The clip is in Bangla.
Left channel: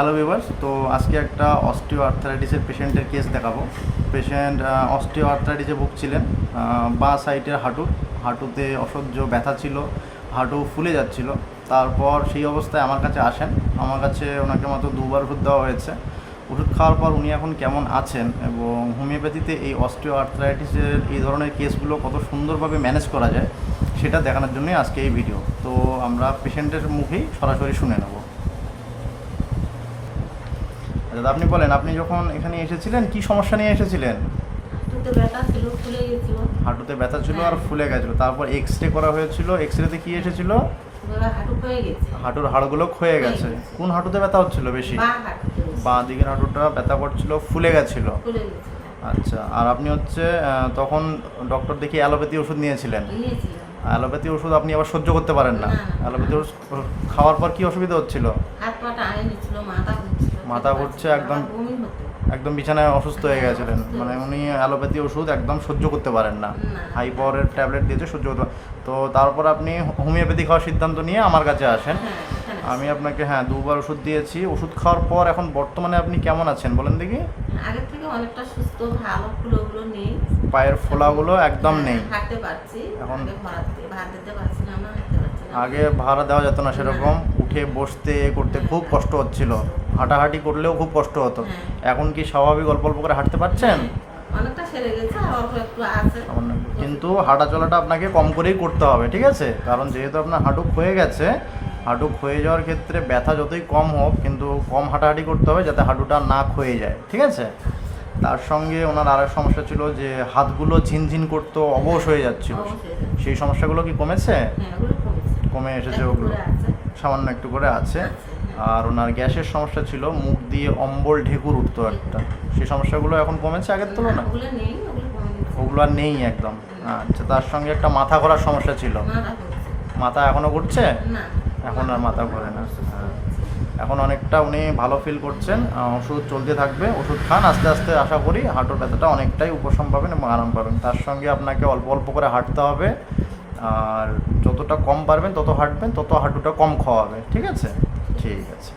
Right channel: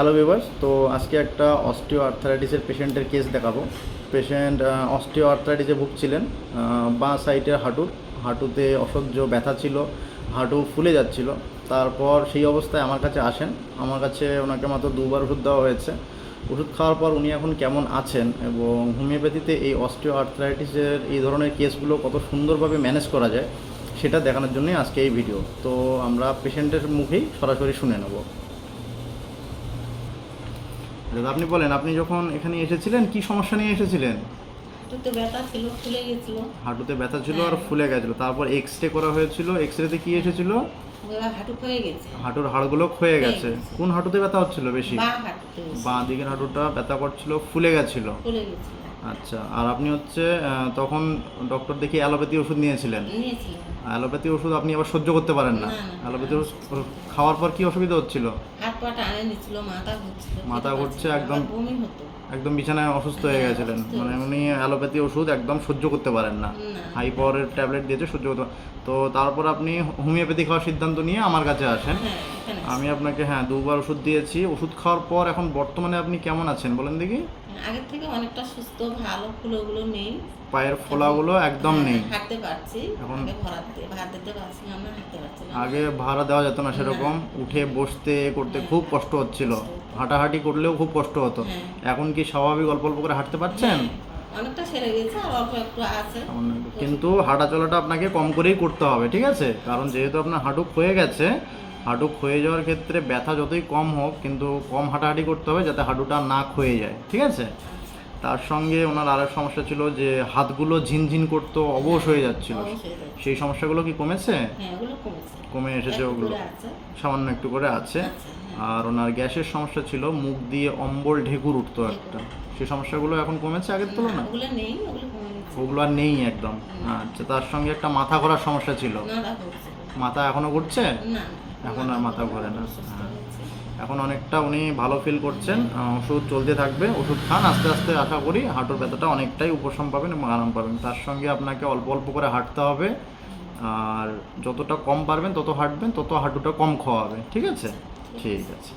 হ্যালো ভিউয়ার্স, তো আজকে একটা অস্টিও আর্থারাইটিসের পেশেন্টের কেস দেখাবো। পেশেন্ট অস্টিও আর্থারাইটিসে ভুগছিলেন। বাঁ সাইডের হাঁটুতে অসহ্য ব্যথা ছিল, হাঁটু ফুলে যাচ্ছিল। তারপর সেই অবস্থায় আমার কাছে আসেন। আমার কাছে ওনাকে মাত্র 2বার ওষুধ দেওয়া হয়েছে। ওষুধ খাওয়ার পর উনি এখন কেমন আছেন এবং হোমিওপ্যাথিতে এই অস্টিও আর্থারাইটিসের এই ধরনের কেসগুলো কত সুন্দরভাবে ম্যানেজ করা যায় সেটা দেখানোর জন্যই আজকে এই ভিডিও। তো আমরা পেশেন্টের মুখেই সরাসরি শুনে নেব। আচ্ছা, আপনি বলেন, আপনি যখন এখানে এসেছিলেন কি সমস্যা নিয়ে এসেছিলেন? হাঁটুতে ব্যথা ছিল, ফুলে গেছিল। হাঁটুতে ব্যথা ছিল আর ফুলে গেছিল। তারপর এক্সরে করা হয়েছিল। এক্সরেতে কি এসেছিল? হাঁটু ক্ষয়ে গেছে। হাঁটুর হাড়গুলো ক্ষয়ে গেছে। কোন হাঁটুতে ব্যথা হচ্ছিল বেশি? বাঁ হাঁটুতে বেশি। বাঁ দিকের হাঁটুটা ব্যথা করছিল, ফুলে গেছিল। ফুলে গেছিল। আচ্ছা, আর আপনি তখন ডক্টর দেখিয়ে অ্যালোপ্যাথি ওষুধ নিয়েছিলেন। নিয়েছিলাম। অ্যালোপ্যাথি ওষুধ আপনি আবার সহ্য করতে পারেন না। না, না। অ্যালোপ্যাথি ওষুধ খাওয়ার পর কি অসুবিধা হচ্ছিল? হাত পা টানে নিচ্ছিল, মাথা ঘুরছিল। মাথা ঘুরছে, একদম বমি হতো। একদম বিছানায় অসুস্থ হয়ে গেছিলেন। মানে উনি অ্যালোপ্যাথি ওষুধ একদম সহ্য করতে পারেন না। না। হাই পাওয়ারের ট্যাবলেট দিয়েছে, সহ্য করতে তো তারপর আপনি হোমিওপ্যাথি খাওয়ার সিদ্ধান্ত নিয়ে আমার কাছে আসেন। হ্যাঁ, এখানে আমি আপনাকে 2বার ওষুধ দিয়েছি। ওষুধ খাওয়ার পর এখন বর্তমানে আপনি কেমন আছেন বলেন দেখি? আগের থেকে অনেকটা সুস্থ, ভালো, ফুলোগুলো নেই। পায়ের ফোলাগুলো একদম নেই। হাঁটতে পারছি। এখন ভাত দিতে পারছি না, হাঁটতে পারছি না। আগে ভাড়া দেওয়া যেত না সেরকম, উঠে বসতে করতে খুব কষ্ট হচ্ছিল, হাঁটাহাঁটি করলেও খুব কষ্ট হতো। হ্যাঁ। এখন কি স্বাভাবিক অল্প অল্প করে হাঁটতে পারছেন? অনেকটা সেরে গেছে, আর অল্প একটু আছে। কিন্তু হাঁটা চলাটা আপনাকে কম করেই করতে হবে, ঠিক আছে? কারণ যেহেতু আপনার হাঁটু ক্ষয়ে গেছে, হাঁটু ক্ষয়ে যাওয়ার ক্ষেত্রে ব্যথা যতই কম হোক কিন্তু কম হাঁটাহাঁটি করতে হবে যাতে হাঁটুটা না ক্ষয়ে যায়, ঠিক আছে? তার সঙ্গে ওনার আরেক সমস্যা ছিল যে হাতগুলো ঝিনঝিন করতো, অবশ হয়ে যাচ্ছিল। সেই সমস্যাগুলো কি কমেছে? হ্যাঁ, ওগুলো কমেছে। কমে এসেছে একটু ওগুলো? করে আছে। সামান্য একটু করে আছে। আর ওনার গ্যাসের সমস্যা ছিল, মুখ দিয়ে অম্বল ঢেকুর উঠতো একটা। সেই সমস্যাগুলো এখন কমেছে আগের তুলনায়? ওগুলো নেই, ওগুলো কমে গেছে। ওগুলো আর নেই একদম। আচ্ছা, তার সঙ্গে একটা মাথা ঘোরার সমস্যা ছিল। মাথা ঘুরছে। মাথা এখনো ঘুরছে? না, এখন আর মাথা ঘোরে না। হ্যাঁ, এখন অনেকটা উনি ভালো ফিল করছেন। ওষুধ চলতে থাকবে, ওষুধ খান, আস্তে আস্তে আশা করি হাঁটুর ব্যথাটা অনেকটাই উপশম পাবেন এবং আরাম পাবেন। তার সঙ্গে আপনাকে অল্প অল্প করে হাঁটতে হবে, আর যতটা কম পারবেন তত হাঁটবেন, তত হাঁটুটা কম খাওয়াবে, ঠিক আছে? ঠিক আছে।